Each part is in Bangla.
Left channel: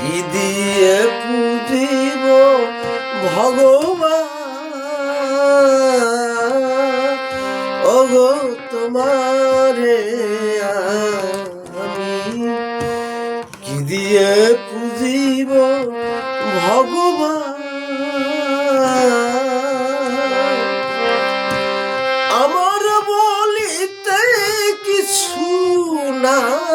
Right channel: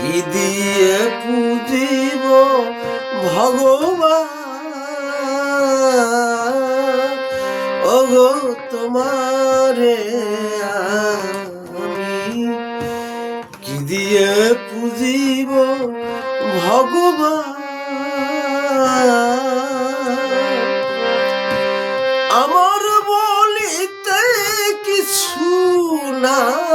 কি দিয়ে পুজিব ভগবান? ওগো তোমারে আমি কি দিয়ে পুজিব ভগবান? আমার বলিতে কিছু নাই।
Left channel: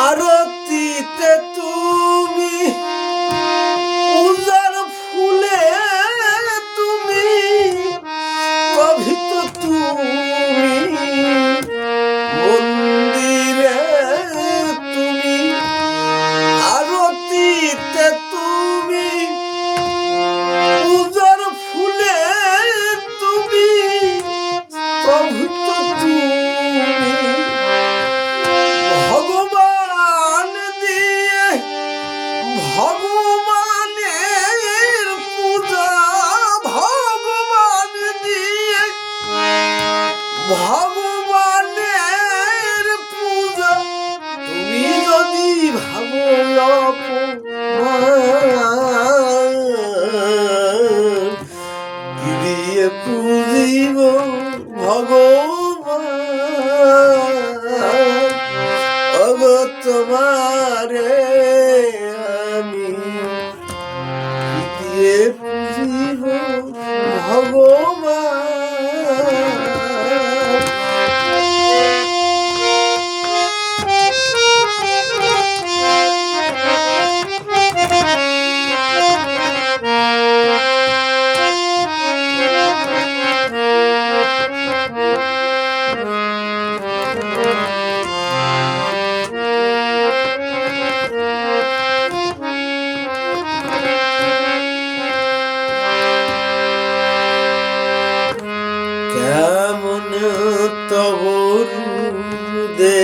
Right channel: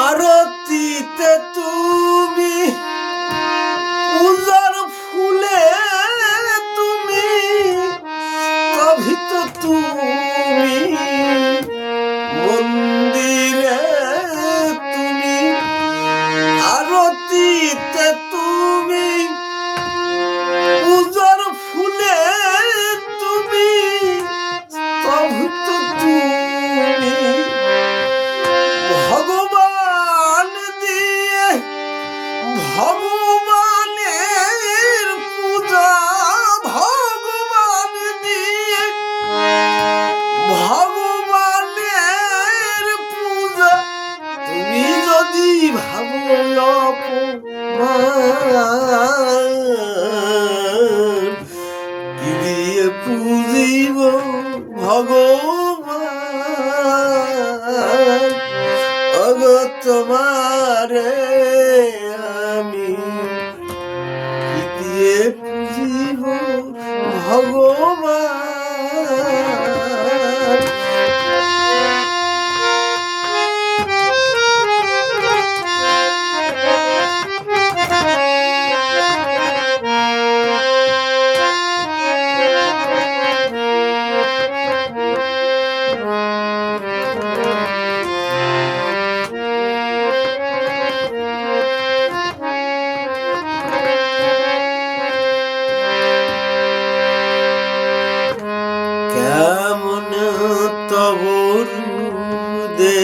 আরতিতে তুমি উজার ফুলে তুমি তবে তো তুমি Vamos!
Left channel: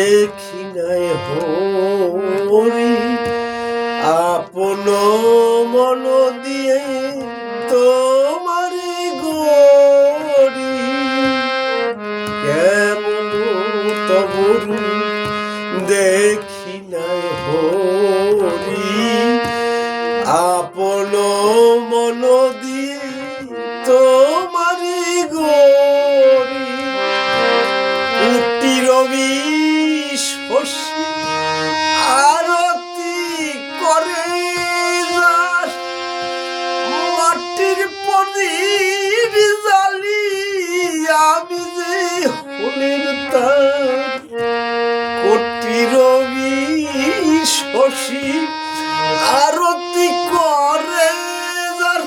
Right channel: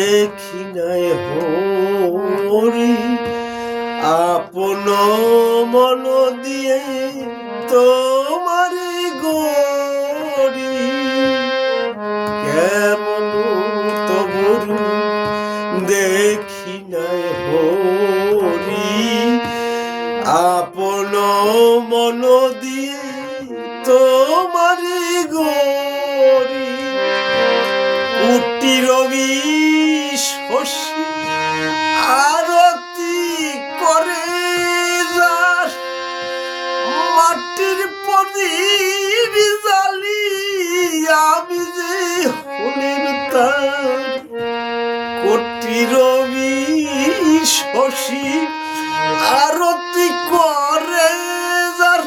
দেখি নাই হরি, আপন মন দিয়ে তোমার গরি কেমন তবর দেখি নাই হরি, আপন মন দিয়ে তোমার প্রদীপ জালি আমি যে হলের তার। কোটি রবি শশী আরতি করে যার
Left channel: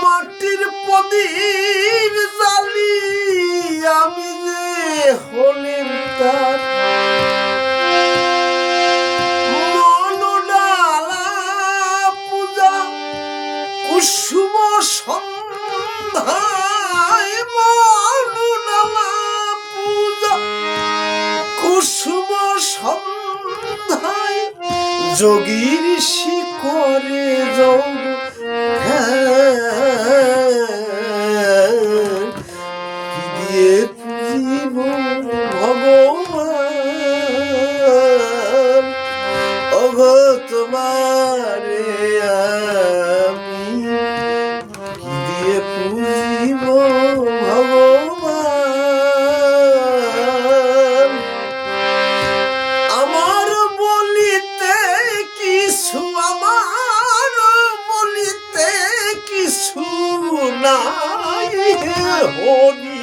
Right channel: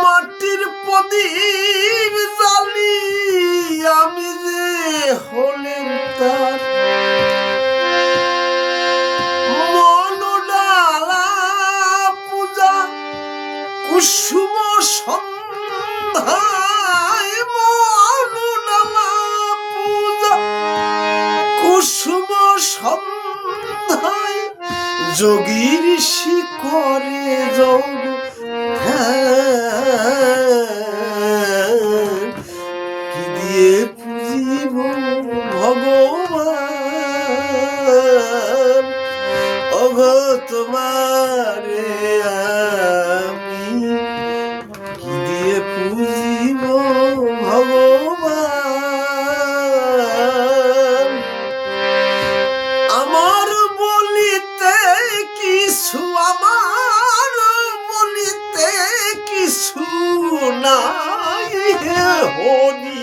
মাটির প্রদীপ জালি আমি যে হলেন তার। কুসুম সন্ধ্যায় পূজা কুসুম সন্ধ্যায় যোগী দিয়ে পুজিব ভগবান? অগ তোমারে হরি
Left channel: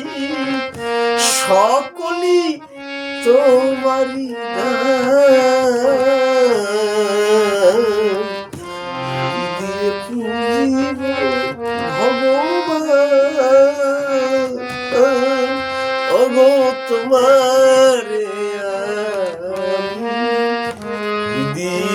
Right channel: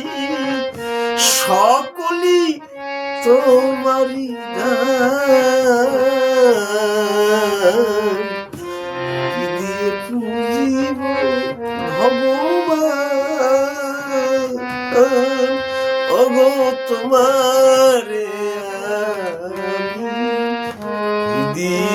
সকলি তোমারি তোমারে আমি দিয়ে